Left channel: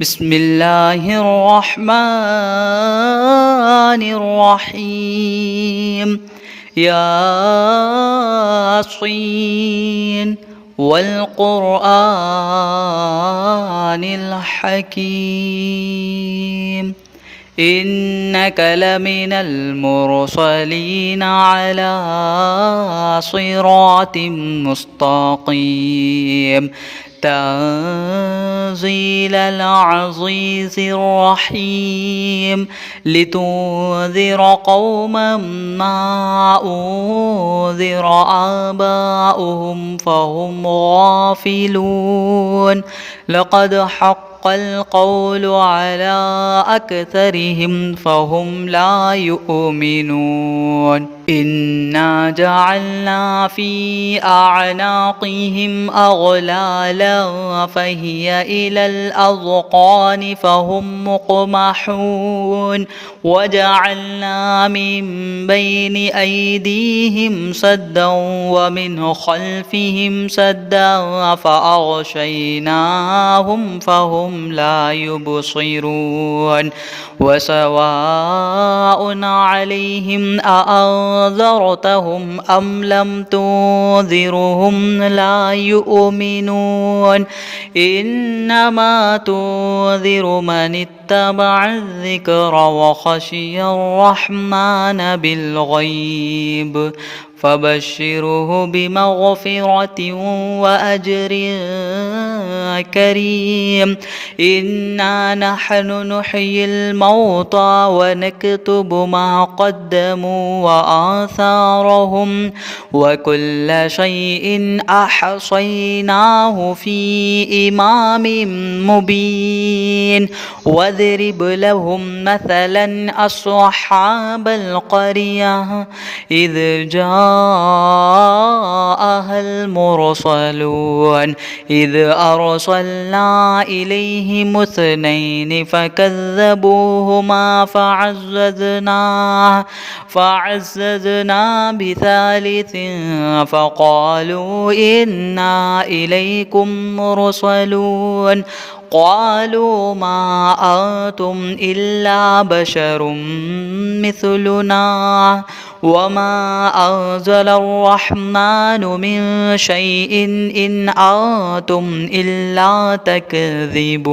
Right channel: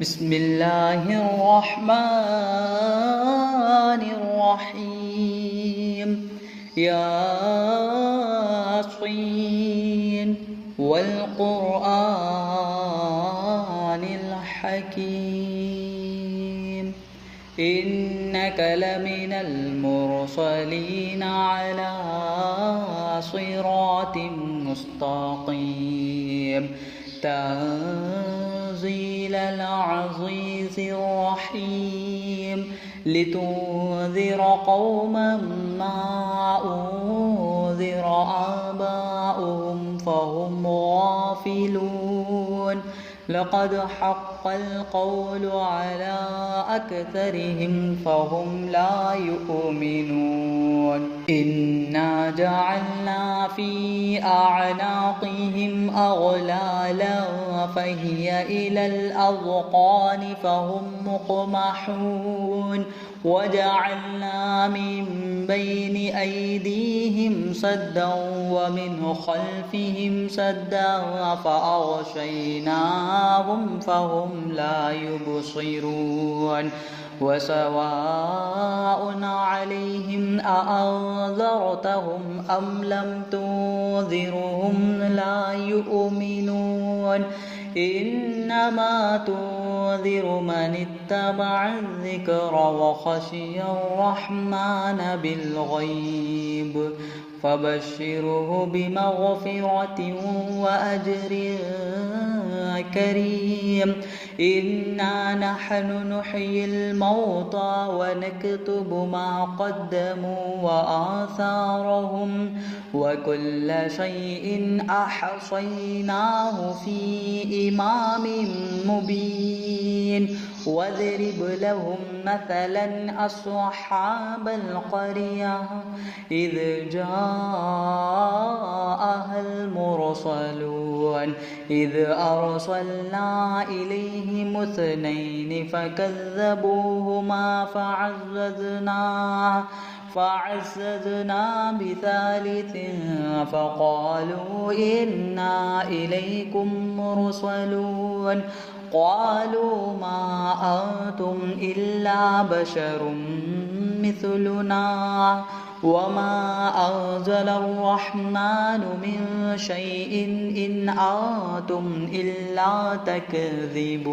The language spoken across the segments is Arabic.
بسم الله الرحمن الرحيم ياسين والقرآن الحكيم إنك لمن المرسلين على صراط مستقيم تنزيل العزيز الرحيم لتنذر قوما ما أنذر آباؤهم فهم غافلون لقد حق القول على أكثرهم فهم لا يؤمنون إنا جعلنا في أعناقهم أغلالا فهي إلى الأذقان فهم مقمحون وجعلنا من بين أيديهم سدا ومن خلفهم سدا فأغشيناهم فهم لا يبصرون وسواء عليهم أأنذرتهم أم لم تنذرهم لا يؤمنون إنما تنذر من اتبع الذكر وخشي الرحمن بالغيب فبشره بمغفرة وأجر كريم إنا نحن نحيي الموتى ونكتب ما قدموا وآثارهم وكل شيء أحصيناه في إمام مبين واضرب لهم مثلا أصحاب القرية إذ جاءها المرسلون إذ أرسلنا إليهم اثنين فكذبوهما فعززنا بثالث فقالوا إنا إليكم مرسلون قالوا ما أنتم إلا بشر مثلنا وما أنزل الرحمن من شيء إن أنتم إلا تكذبون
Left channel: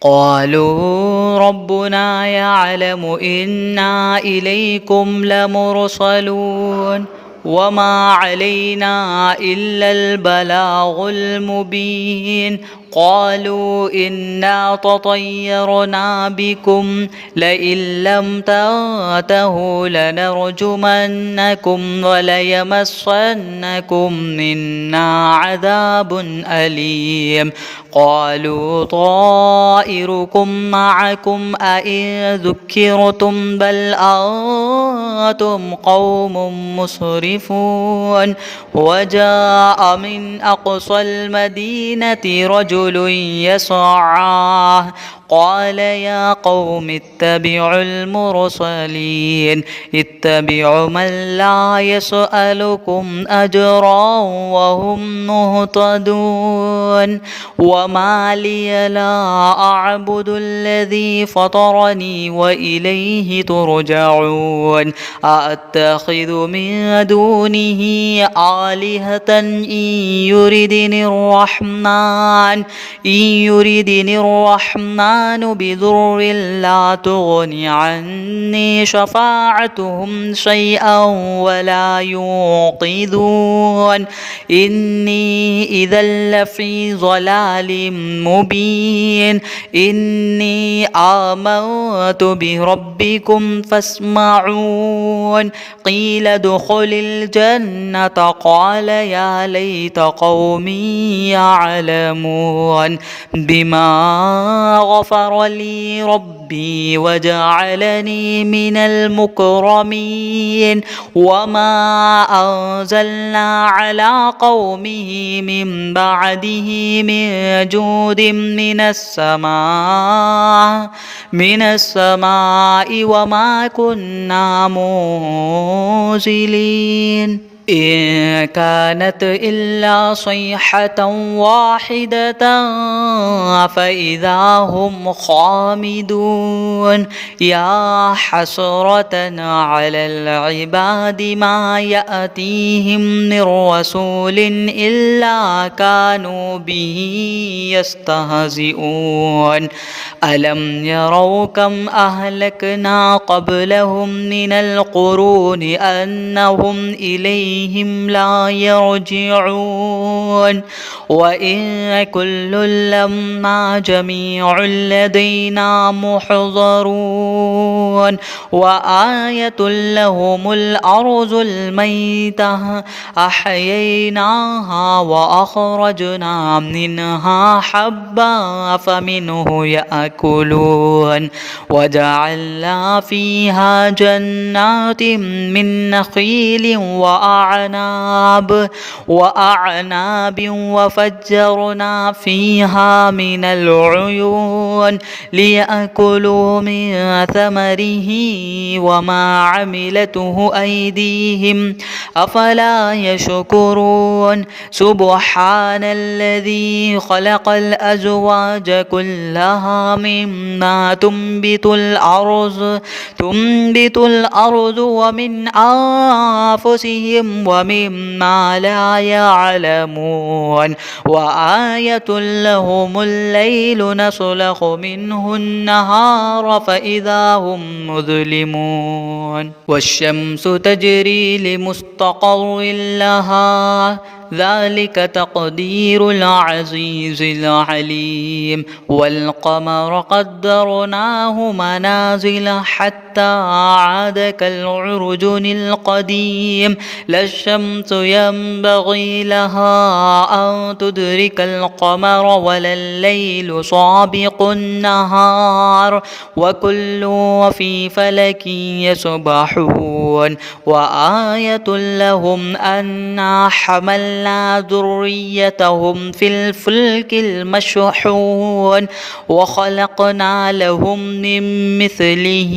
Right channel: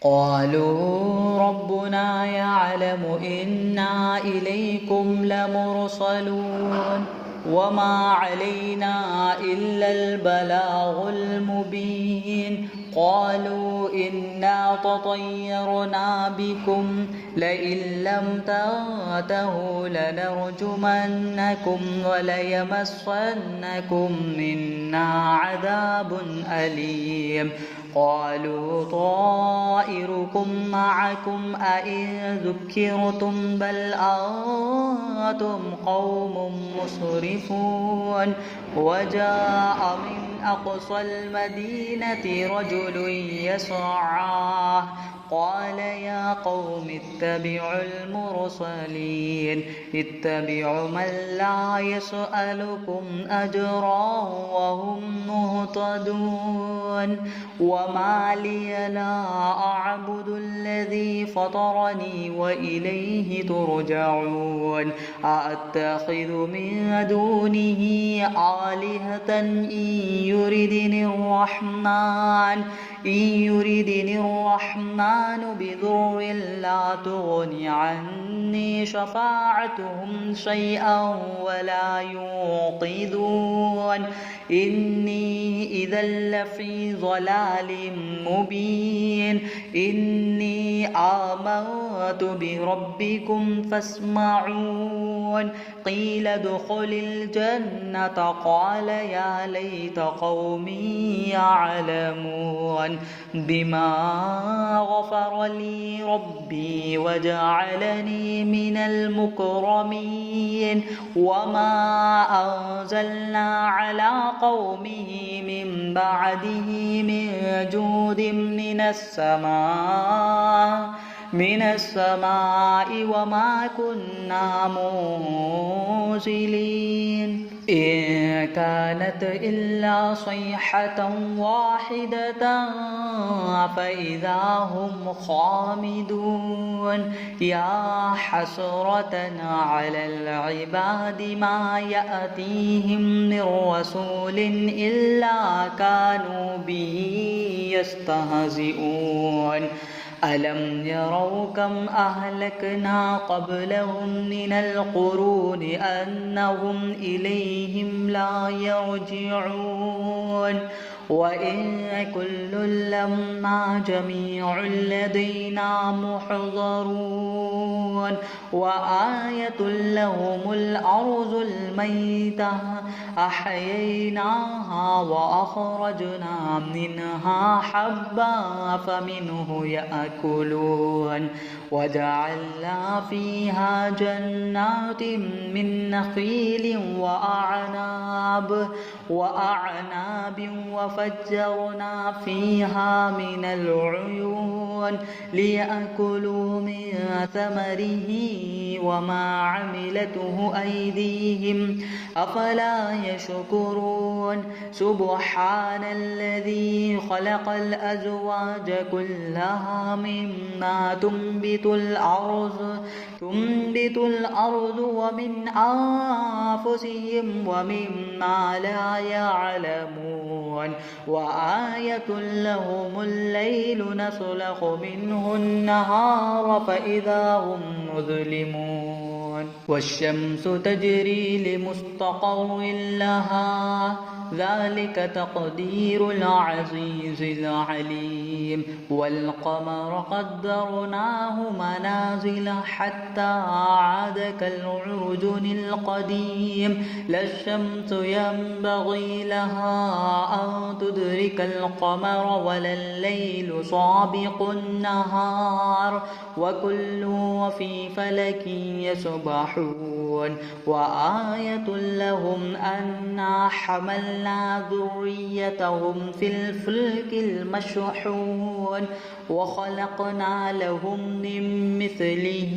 قالوا ربنا يعلم إنا إليكم لمرسلون وما علينا إلا البلاغ المبين قالوا إنا تطيرنا بكم لئن لم تنتهوا لنرجمنكم وليمسنكم منا عذاب أليم قالوا طائركم معكم أئن ذكرتم بل أنتم قوم مسرفون وجاء من أقصى المدينة رجل يسعى قال يا قوم اتبعوا المرسلين اتبعوا من لا يسألكم أجرا وهم مهتدون وما لي لا أعبد الذي فطرني وإليه ترجعون أأتخذ من دونه آلهة إن يردني الرحمن بضر لا تغني عني شفاعتهم شيئا ولا ينقذون إني إذا لفي ضلال مبين إني آمنت بربكم فاسمعون قيل ادخل الجنة قال يا ليت قومي يعلمون بما غفر لي ربي وجعلني من المكرمين وما أنزلنا على قومه من بعده من جود من السماء وما كنا منزلين إن كانت إلا صيحة واحدة فإذا هم خامدون يا حسرة على العباد ما يأتيهم من رسول إلا كانوا به يستهزئون ألم يروا كم أهلكنا قبلهم من القرون أنهم إليهم لا يرجعون وإن كل لما جميع لدينا محضرون وآية لهم الأرض الميتة أحييناها وأخرجنا منها حبا فمنه يأكلون وجعلنا فيها جنات من نخيل وأعناب وفجرنا فيها من العيون ليأكلوا من ثمره وما عملته أيديهم أفلا يشكرون سبحان الذي خلق الأزواج كلها مما تنبت الأرض ومن أنفسهم ومما لا يعلمون وآية لهم الليل نسلخ منه النهار فإذا هم مظلمون والشمس تجري لمستقر لها ذلك تقدير العزيز العليم والقمر قدرناه منازل حتى عاد كالعرجون القديم لا الشمس ينبغي لها أن تدرك القمر ولا الليل سابق النهار وكل في فلك يسبحون وآية لهم أنا حملنا ذريتهم في الفلك المشحون وخلقنا لهم من مثله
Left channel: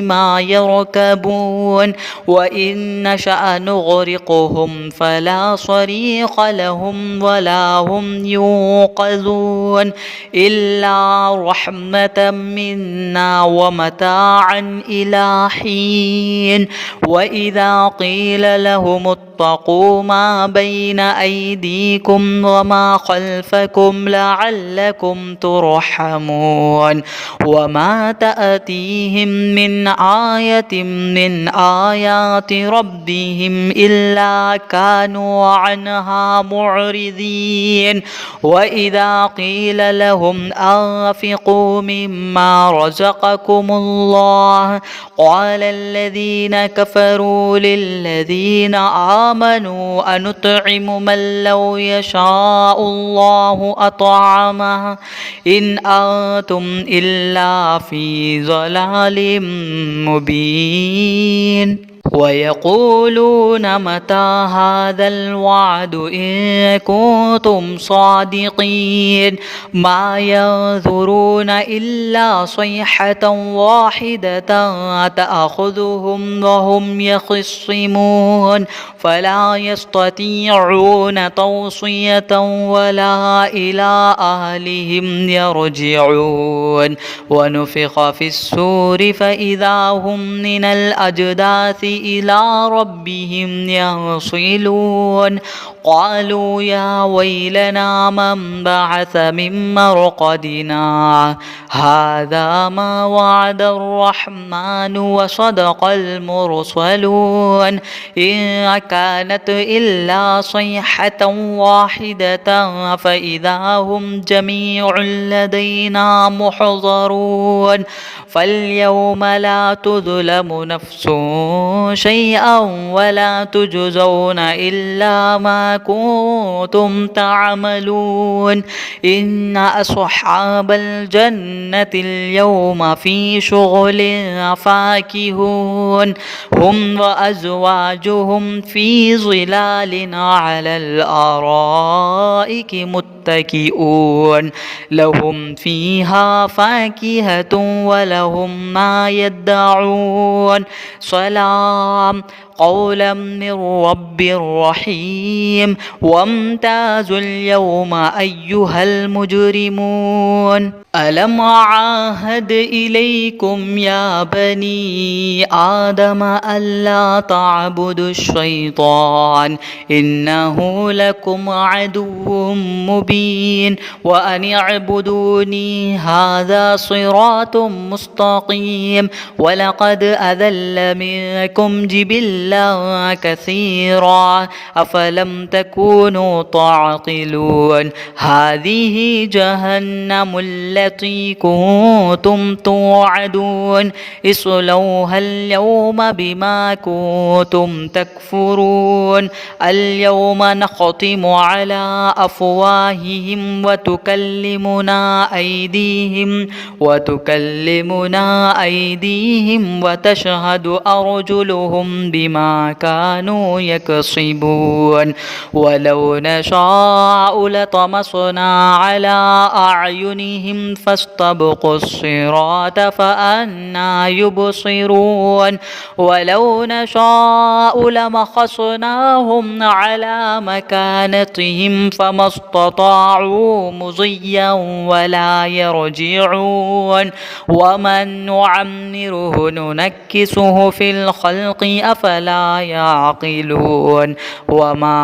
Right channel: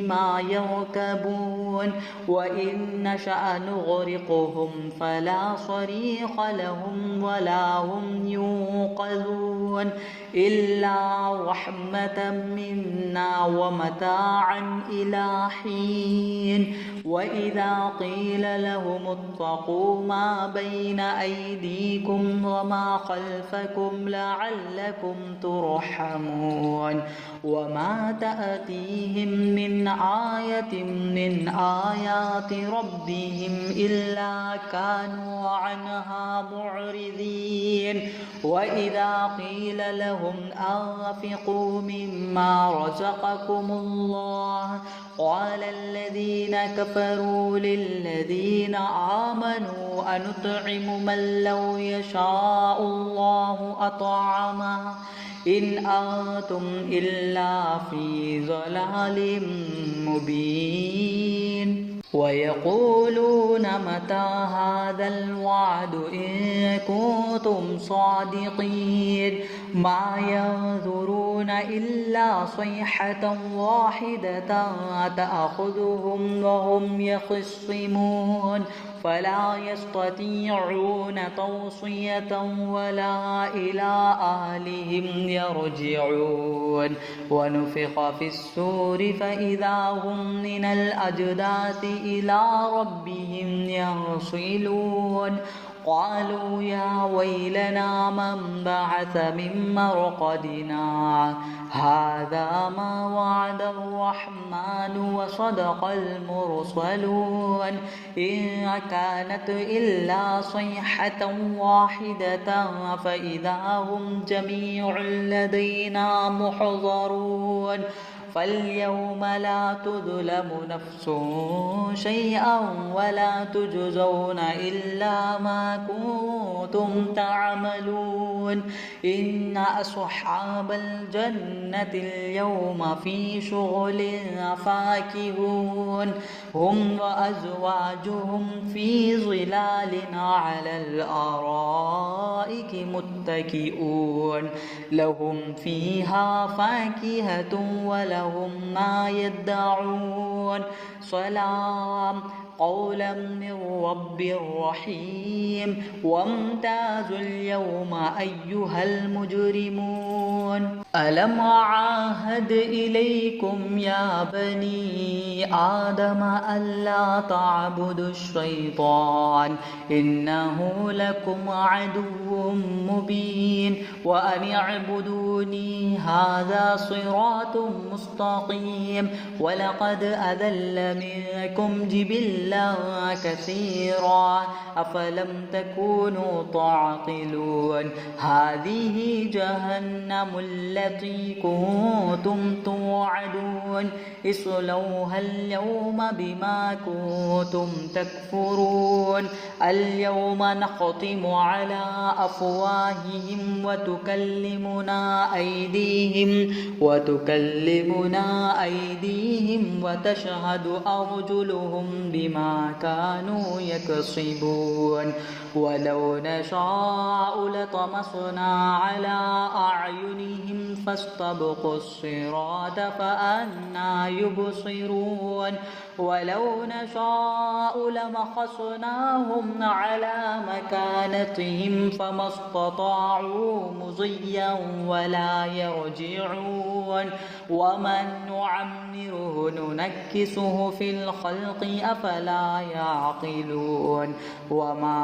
ما يركبون وإن نشأ نغرقهم فلا صريخ لهم ولا هم ينقذون إلا رحمة منا ومتاعا إلى حين وإذا قيل لهم اتقوا ما بين أيديكم وما خلفكم لعلكم ترحمون وما تأتيهم من آية من آيات ربهم إلا كانوا عنها معرضين وإذا قيل لهم أنفقوا مما رزقكم الله قال الذين كفروا للذين آمنوا أنطعم من لو يشاء الله أطعمه إن أنتم إلا في ضلال مبين ويقولون متى هذا الوعد إن كنتم صادقين ما ينظرون إلا صيحة واحدة تأخذهم وهم يخصمون فلا يستطيعون توصية ولا إلى أهلهم يرجعون ونفخ في السور فإذا هم من الأجداث إلى ربهم ينصلون قالوا يا ويلنا من بعث من مرقدنا هذا ما وعد الرحمن وصدق المرسلون إن كانت إلا صيحة واحدة فإذا هم جميع لدينا محضرون فاليوم لا تظلم نفس شيئا ولا تجزون إلا ما كنتم تعملون إن أصحاب الجنة اليوم في شغل فاكهون هم وأزواجهم في ظلال على الأرائك متكئون لهم فيها فاكهة ولهم ما يدعون سلام قولا من رب رحيم وامتازوا اليوم أيها المجرمون ألم أعاهد إليكم يا بني آدم ألا تعبدوا الشيطان إنه لكم عدو مبين وأن اعبدوني هذا صراط مستقيم ولقد أذل منكم جبلا كثيرا أفلم تكونوا تعقلون هذه جهنم التي كنتم توعدون اصلوها اليوم بما كنتم تكفرون اليوم نختم على أفواههم وتكلمنا أيديهم وتشهد أرجلهم بما كانوا يكسبون ولو نشاء لطمسنا على أعينهم فاستبقوا الصراط فأنى يبصرون ولو نشاء لمسخناهم على مكانتهم فما استطاعوا مضيا ولا يرجعون ومن نعمره ننكسه في الخلق أفلا يعقلون وما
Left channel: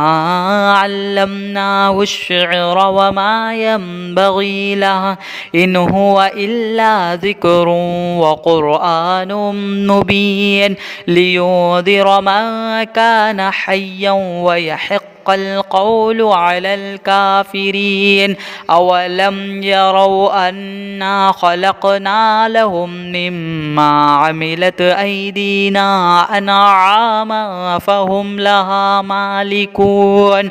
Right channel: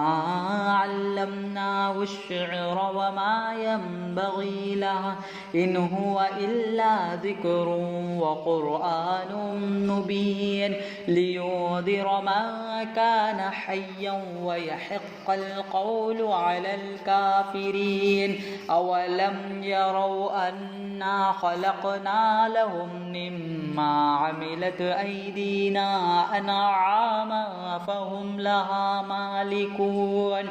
علمناه الشعر وما ينبغي له إن هو إلا ذكر وقرآن مبين لينذر من كان حيا ويحق القول على الكافرين أولم يروا أنا خلقنا لهم مما عملت أيدينا أنعاما فهم لها مالكون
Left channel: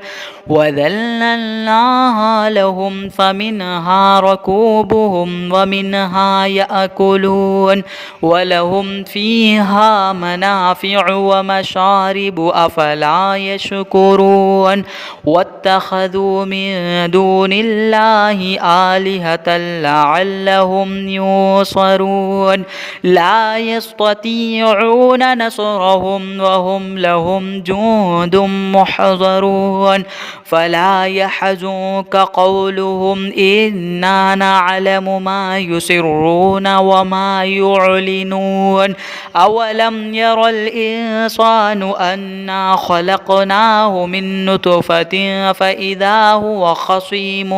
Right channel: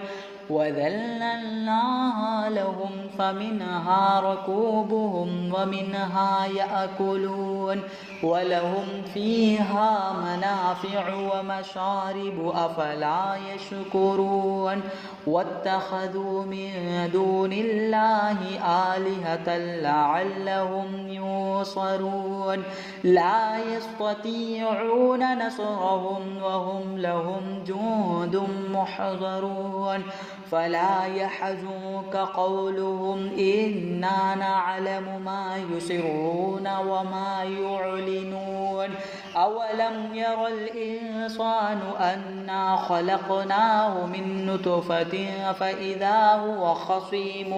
وذللناها لهم فمنها ركوبهم ومنها يأكلون ولهم فيها منافع ومشارب أفلا يشكرون واتخذوا من دون الله آلهة لعلهم ينصرون لا يستطيعون نصرهم وهم لهم جند محضرون فلا يحزنك قولهم إنا نعلم ما يسرون وما يعلنون أولم ير الإنسان أنا خلقناه من نطفة فإذا هو خصيم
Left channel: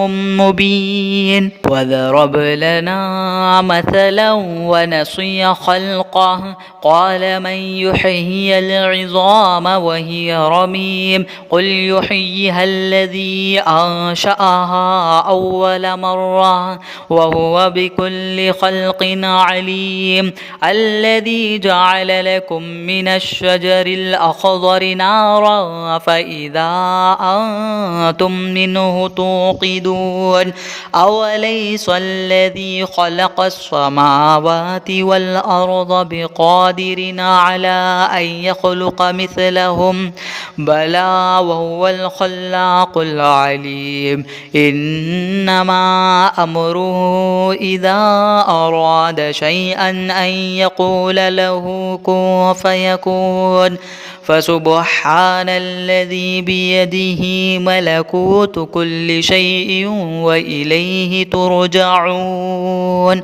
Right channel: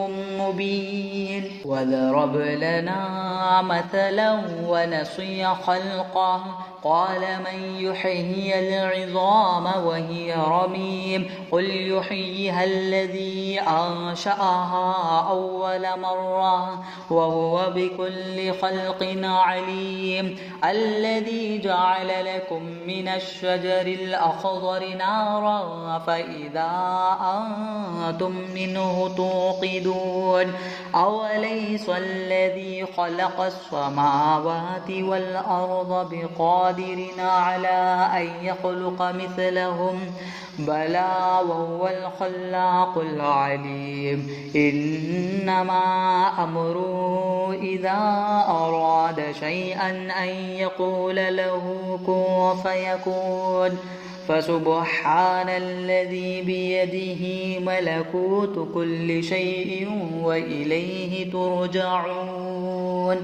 مبين وضرب لنا مثلا ونسي خلقه قال من يحيي العظام وهي رميم قل يحييها الذي أنشأها أول مرة وهو بكل خلق عليم الذي جعل لكم من الشجر الأخضر نارا فإذا أنتم منه توقدون أوليس الذي خلق السماوات والأرض بقادر على أن يخلق مثلهم بلى وهو الخلاق العليم إنما أمره إذا أراد شيئا أن يقول له كن فيكون فسبحان الذي بيده ملكوت كل شيء وإليه ترجعون